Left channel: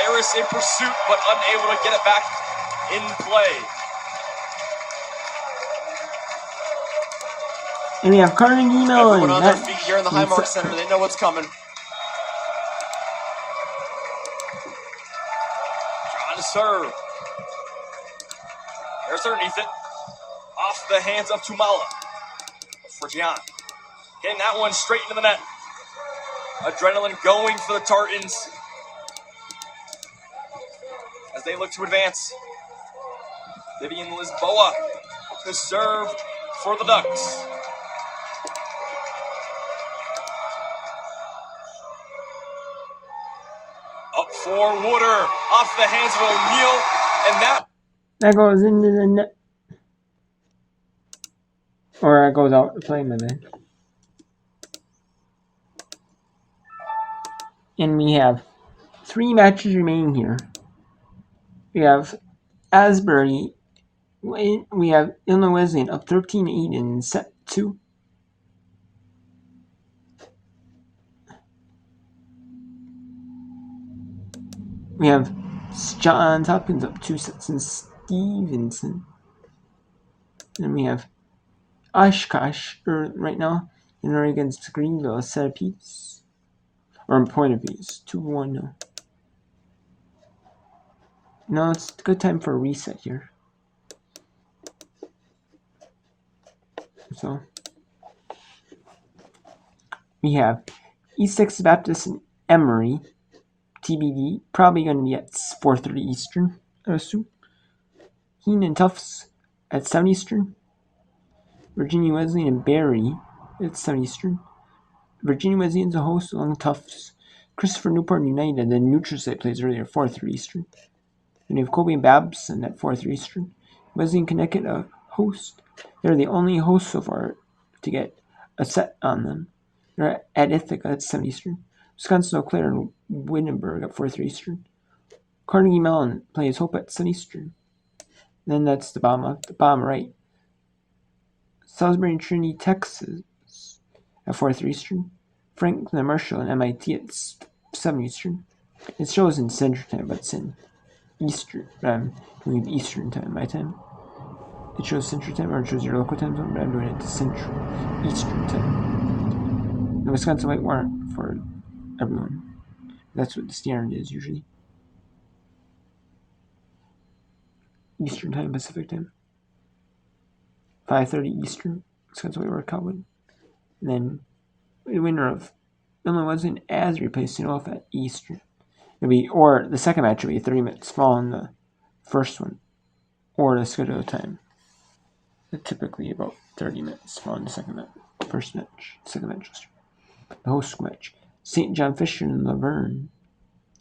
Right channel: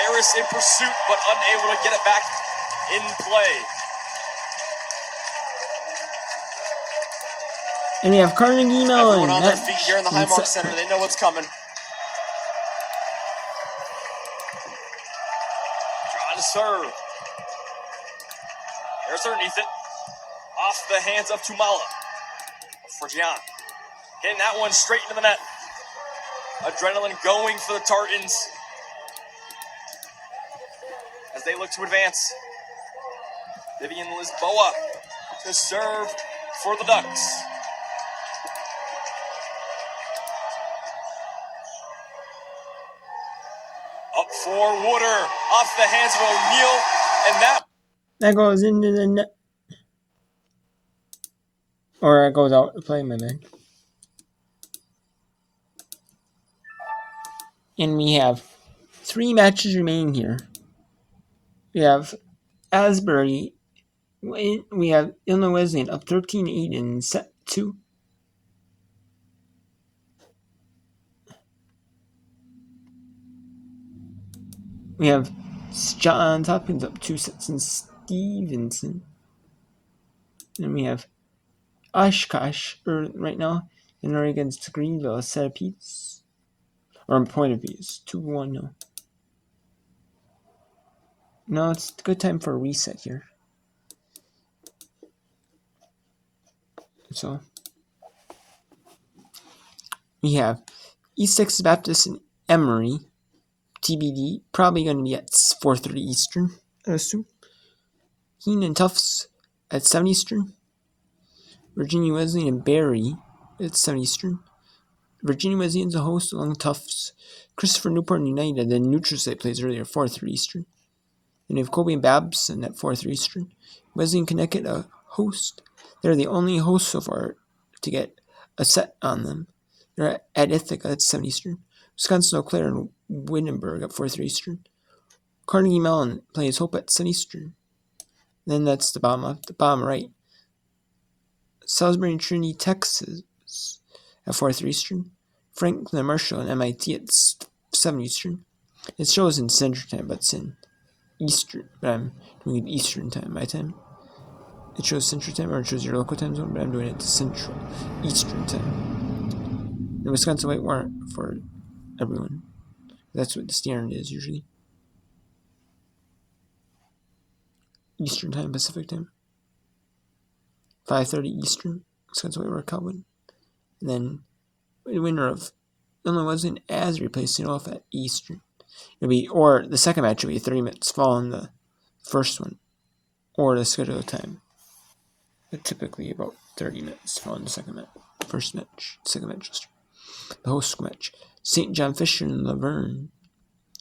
Harris in pursuit, but unable to get it back in play. And you have Carnegie Mellon. Everyone on their feet here in the Highmark Center. They know what's coming. Trying to serve. There's underneath it. Off the hands of Tumala. For Gian. Hitting that one straight into the net. Adrenaline going for the Tartans as they look to advance. Vivian Lisboa to serve for the Ducks. Up for Wooder, off the hands of O'Neal, and that goes into the net. Or it goes out to play, my man. And we have 3 matches remaining here. We have Asbury. We have Illinois Wesleyan up 13-8 in set 2. We have Johns Hopkins up 2 sets in Stevenson. And we have Oshkosh right now in against Greenville, a set apiece. Or a point apiece. 2-1 now. No, it's a good time for a reset here. So we have East Texas Baptist and Emory. TBD, probably going to be at 4:30 Eastern, I assume. Keene and Tufts at 7 Eastern. Virginia Wesleyan and Barry at 7 Eastern. Virginia Wesleyan's a host along with Tufts. Christopher Newport United, the neutral site plays earlier, 4:30 Eastern. And we have Colby and Babson at 4:30 Eastern. Wesleyan Connecticut, a host. They're the only host so far to get a set on them. They're at Ithaca at 7 Eastern. Wisconsin Eau Claire and Wittenberg at 4:30 Eastern. Carnegie Mellon plays Hope at 7 Eastern. Then that's the bottom right. Salisbury and Trinity, Texas at 4:30 Eastern. Franklin and Marshall and MIT at 7 Eastern. It shows in Central Time, but it's in Eastern. But I'm doing it Eastern Time, my time. It shows Central Time, or it shows your local time zone, but I'm doing it to Central Eastern Time. The Wisconsin White Warrant for everyone. That's what the standard is usually. Eastern Time, Pacific Time. 5:30 Eastern, Wisconsin White Warrant Calvin. And then the winner of Illinois Wesleyan Asbury plays St. Olaf at Eastern. It'll be, or the second match will be 30 minutes following the first one, or the scheduled time. But typically about 30 minutes following the second match. First match, second match. The host match. St. John Fisher and Laverne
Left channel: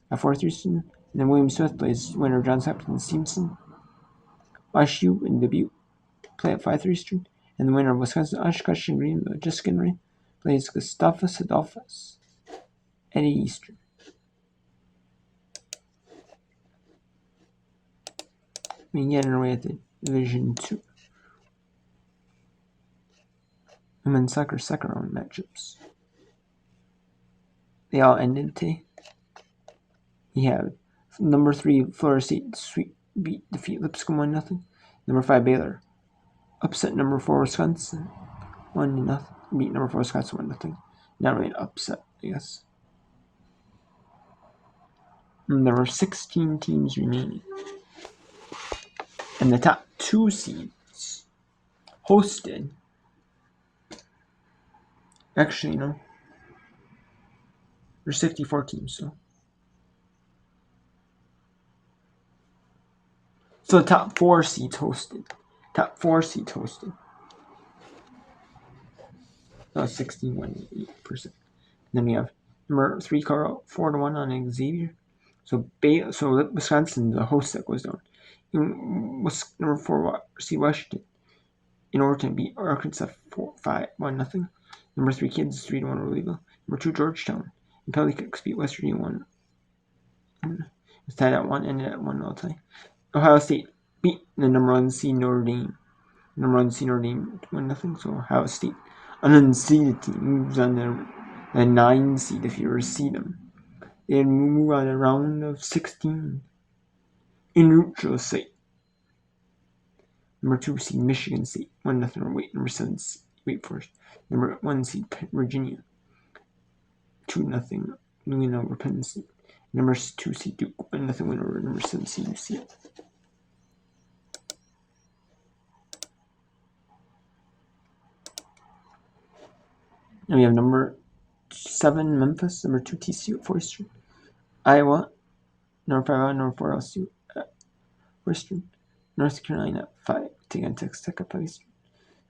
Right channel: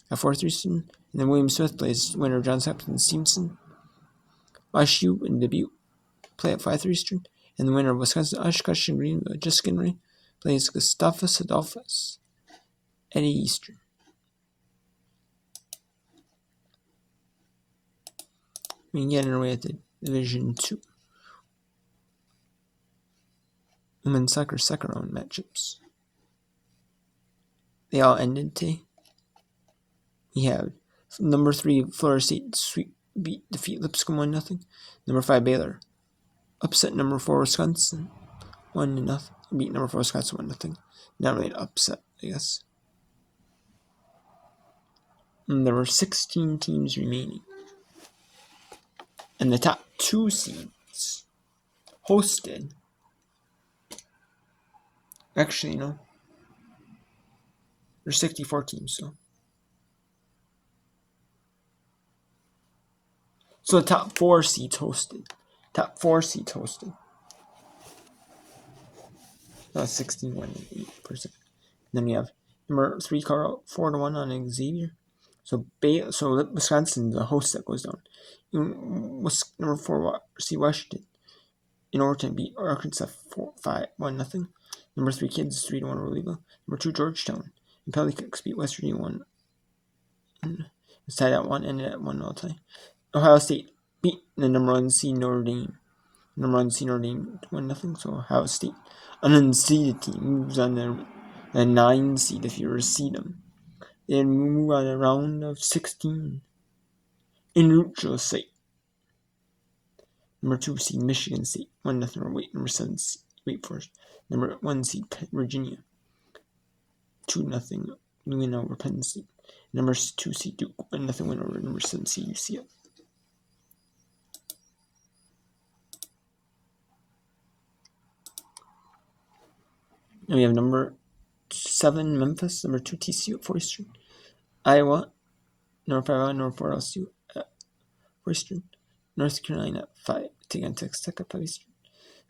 at 4:30 Eastern. And then William Smith plays winner of Johns Hopkins and Stevenson. WashU and Dubuque play at 5:30 Eastern. And the winner of Wisconsin Oshkosh and Greenville, Jessica Henry, plays Gustavus Adolphus at 8 Eastern. We get underway at the Division 2. Women's soccer second round matchups. They all ended today. We have number 3 Florida State defeat Lipscomb 1-0. Number 5 Baylor upset number 4 Wisconsin 1-0. Beat number 4 Wisconsin 1-0. Not really an upset, I guess. And there are 16 teams remaining. And the top 2 seeds hosted. Actually, no. There's 54 teams, so the top 4 seeds hosted. That's 16.8%. Then we have number 3 Colorado 4-1 on Xavier. So Wisconsin, the host that goes down. Number 4 seed Washington in overtime beat Arkansas 1-0. Number 3 Kansas 3-1 over Louisville. Number 2 Georgetown and penalty kicks beat West Virginia 1. It's tied at 1, ended at 1 all time. Ohio State beat the number 1 seed Notre Dame. Number 1 seed Notre Dame 1-0. So Ohio State, an unseeded team, moves on to the 9 seed if you ever see them. They move on a round of 16 in neutral site. Number 2 seed Michigan State, 1-0 over Wake. Number 7 seed Wake Forest. Number 1 seed Virginia, 2-0 win over Penn State. Number 2 seed Duke, 1-0 win over number 7 seed UCLA. And we have number 7 Memphis, number 2 TCU at 4 Eastern. Iowa, number 5 Iowa, number 4 LSU at 4 Eastern. North Carolina at 5, taking on Texas Tech at 5 Eastern.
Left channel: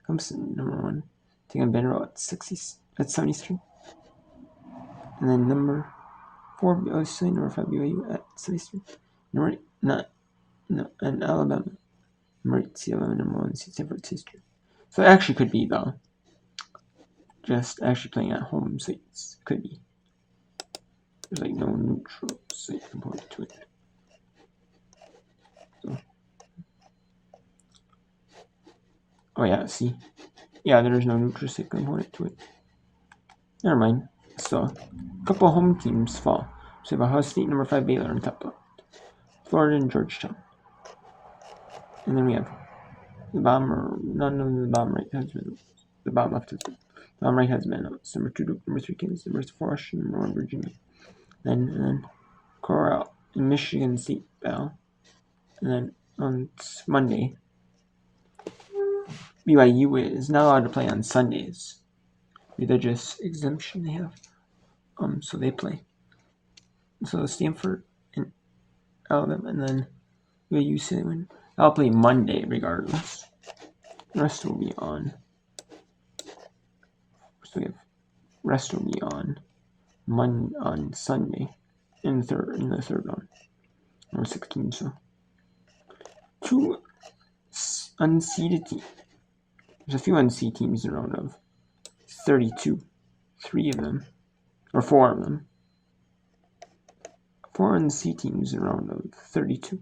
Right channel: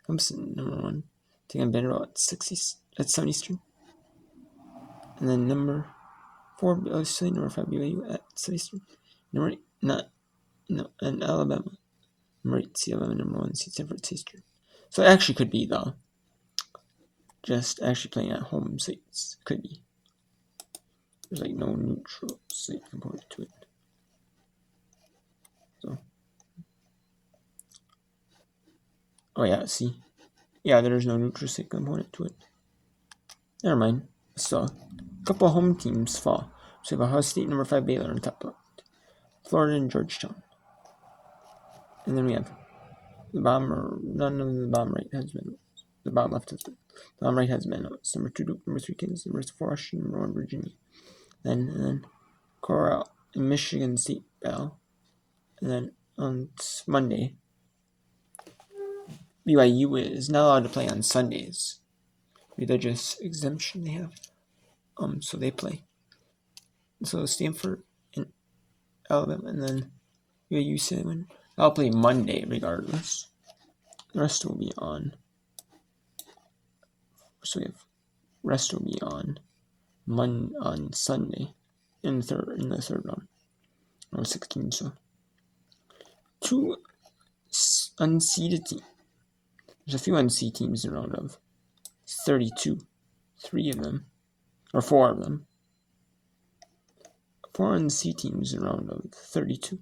Clemson, number 1, taking on Vanderbilt at 7 Eastern. And then number 4 LSU, number 5 BYU at 7 Eastern. Number 8, and Alabama. Number 8 seed Alabama, number 1 seed Stanford at 6 Eastern. So it actually could be though. Just actually playing at home sites. Could be. There's like no neutral site component to it. So. Oh yeah, see? Yeah, there's no neutral site component to it. Never mind. So, a couple of home teams fall. So we have Ohio State, number 5 Baylor on top left. Florida and Georgetown. And then we have the bottom, none of the bottom right has been, the bottom left has been. The bottom right has been number 2 Duke, number 3 Kansas, number 4 Washington, number 1 Virginia. Then Corral and Michigan State battle. And then on Monday, BYU is not allowed to play on Sundays. Religious exemption they have. So they play. So Stanford and Alabama, and then BYU say they win. I'll play Monday regardless. The rest will be on. So we have rest will be on Sunday in the third round. Or 16, so 2 unseeded teams. There's a few unseeded teams in round of 32. 3 of them, or 4 of them. 4 unseeded teams in round of 32.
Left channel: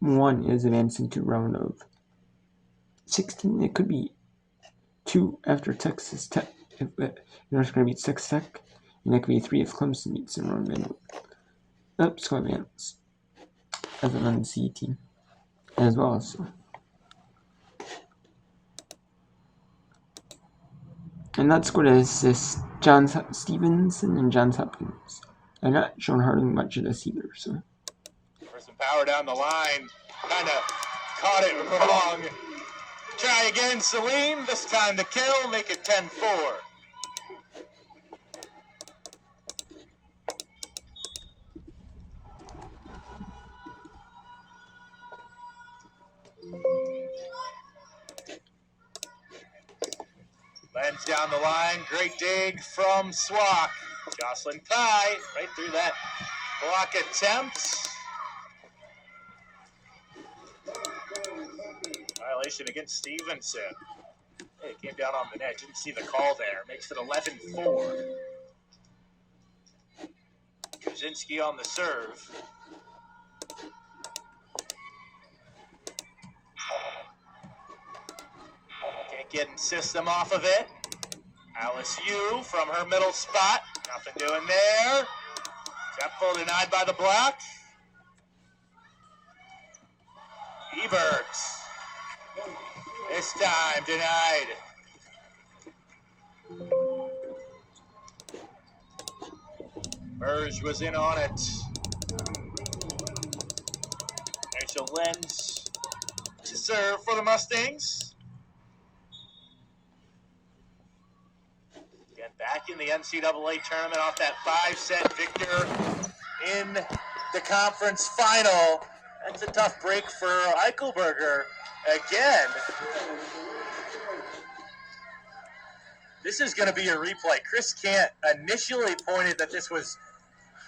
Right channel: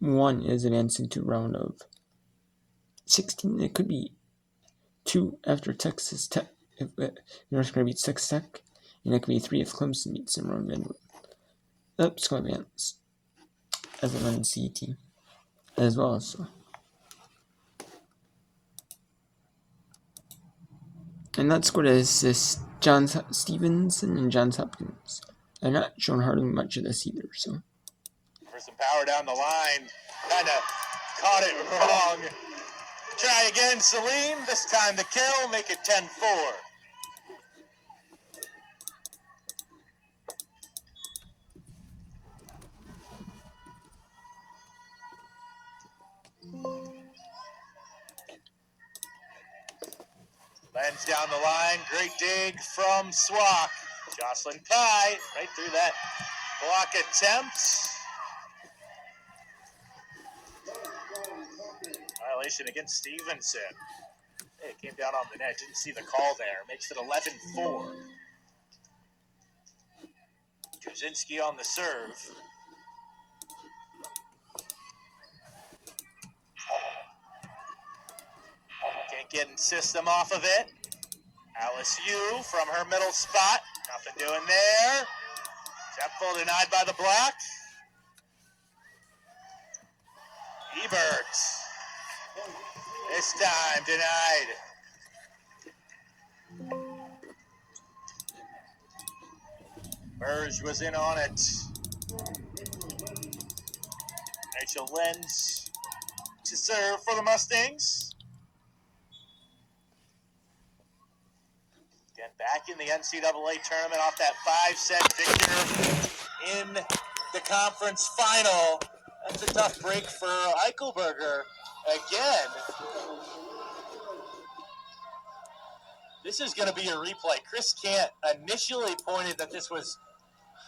1 is advancing to round of 16. It could be 2 after Texas Tech, if North Carolina beats Texas Tech, and it could be 3 if Clemson beats in round of Oops, going to advance as an unseeded team as well. So. And that squad is this John Stevenson and Johns Hopkins. I've not shown hardly much of this either, so. For some power down the line, kind of caught it wrong. Try again, Salim. This time the kill, make it 10-4. Lands down the line, great dig from Swak. Jocelyn Pye, right through that block attempt. Violation against Stevenson. Hey, it came down on the net, didn't see the call there. Makes it 11-4. Kaczynski on the serve. Can't get in system off of it. Alice Yu from her middle spot. Nothing doing there. Tepful denied by the block. Ebert. This time denied. Burge was in on it. Rachel Lenz to serve for the Mustangs. Again, back in the NCAA tournament off that 5-set victor in the conference final. That's a tough break for Eichelberger again. This is going to be a replay. Chris Kant initially pointed that this was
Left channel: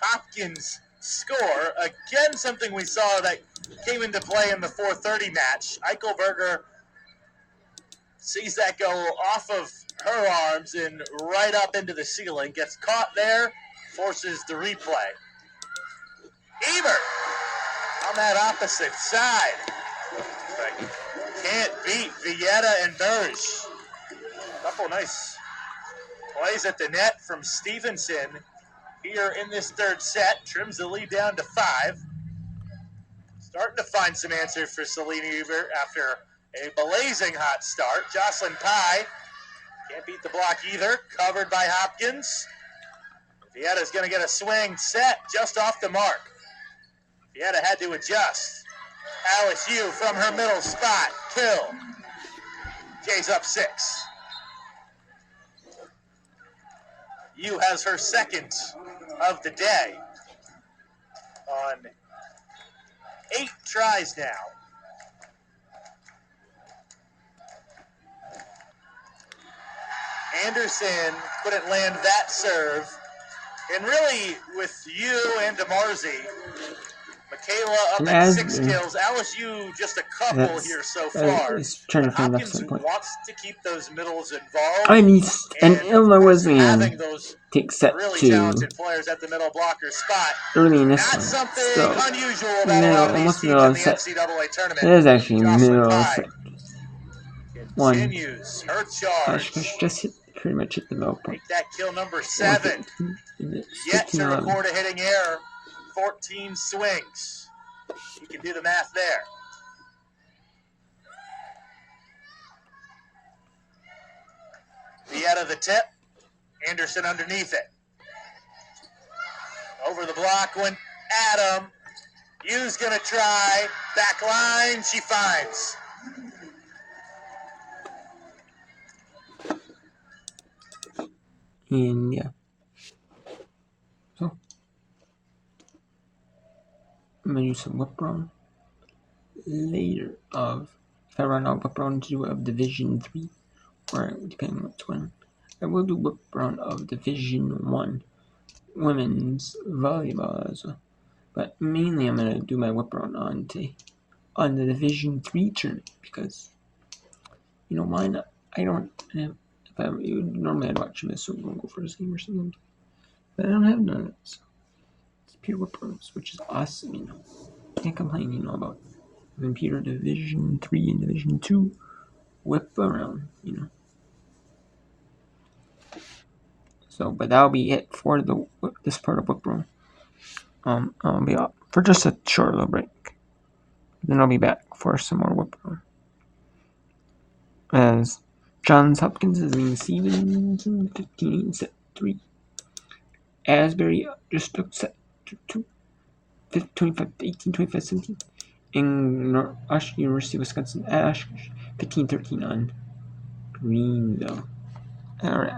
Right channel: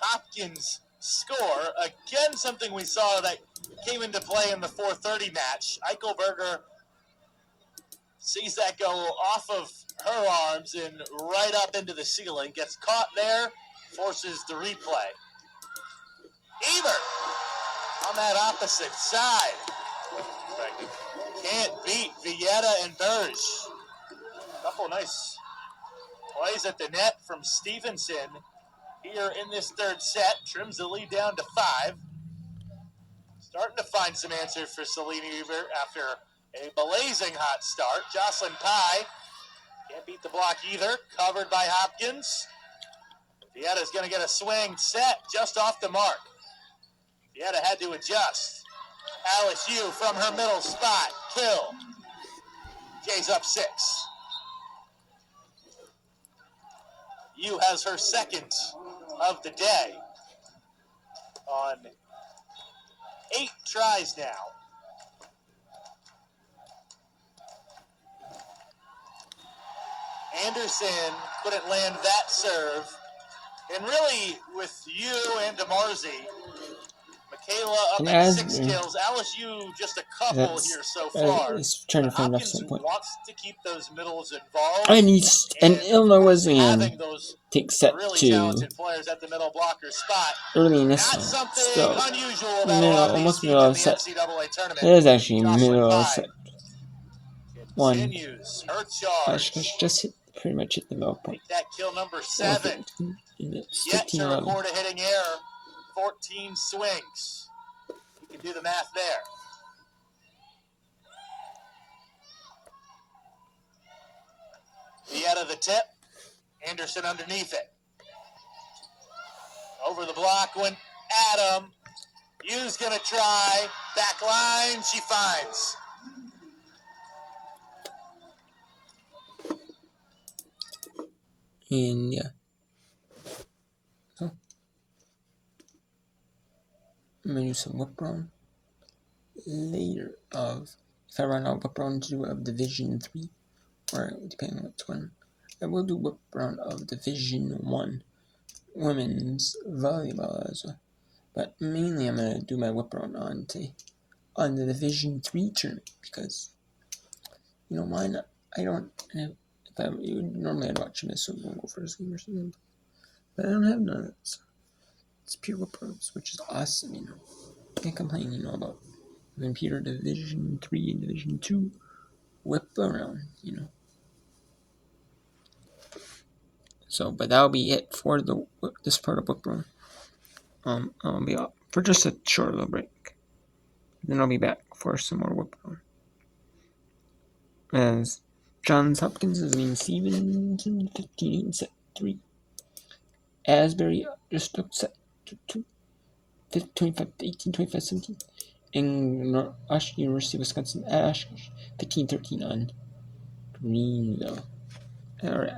Hopkins' score. Again, something we saw that came into play in the 4:30 match. Eichelberger sees that go off of her arms and right up into the ceiling. Gets caught there, forces the replay. Ebert on that opposite side. But can't beat Villeta and Burge. Couple nice plays at the net from Stevenson. here in this third set. Trims the lead down to 5. Starting to find some answers for Selena Ebert after a blazing hot start. Jocelyn Pye can't beat the block either. Covered by Hopkins. Vietta's going to get a swing set just off the mark. Vietta had to adjust. Alice Yu from her middle spot. Kill. Jay's up 6. Yu has her second of the day on 8 tries now. Anderson couldn't land that serve. And really, with Yu and DeMarzi, Michaela up at 6 kills. Alice Yu just a couple here so far. He's trying to find Hopkins enough point. wants to keep those middles involved. And Illinois Wesleyan takes set really 2 talented players at the middle blocker spot. early in this Not one. something So, unusual about almost these middle of teams set. in the NCAA tournament. It is actually Jocelyn middle of Pye set 1. continues her charge. Just pretty much hit the middle point. Make that kill number 7. Yet to 15-11. record a hitting error. 14 swings. You can do the math there. Vietta the tip. Anderson underneath it. Over the block went Adam. Yu's gonna try. Back line, she finds. And yeah. So I'm gonna do some whip run later if I run out whip run to do of Division 3, or depending on what's when. I will do whip run of Division 1 women's volleyball as well. But mainly I'm gonna do my whip run on the Division 3 tournament, because why not? I don't have, normally I'd watch them as so go for a game or something. But I don't have none of that, so it's pure whip runs, which is awesome, Can't complain, about having pure Division 3 and Division 2 whip around, So, but that'll be it for this part of whip run. I'll be up for just a short little break. Then I'll be back for some more whip run. As Johns Hopkins is being Stevenson 15 set 3. Asbury just took set 2. 25-18, 25-17. And University of Wisconsin Ash 15-13 on Greenville. Alright.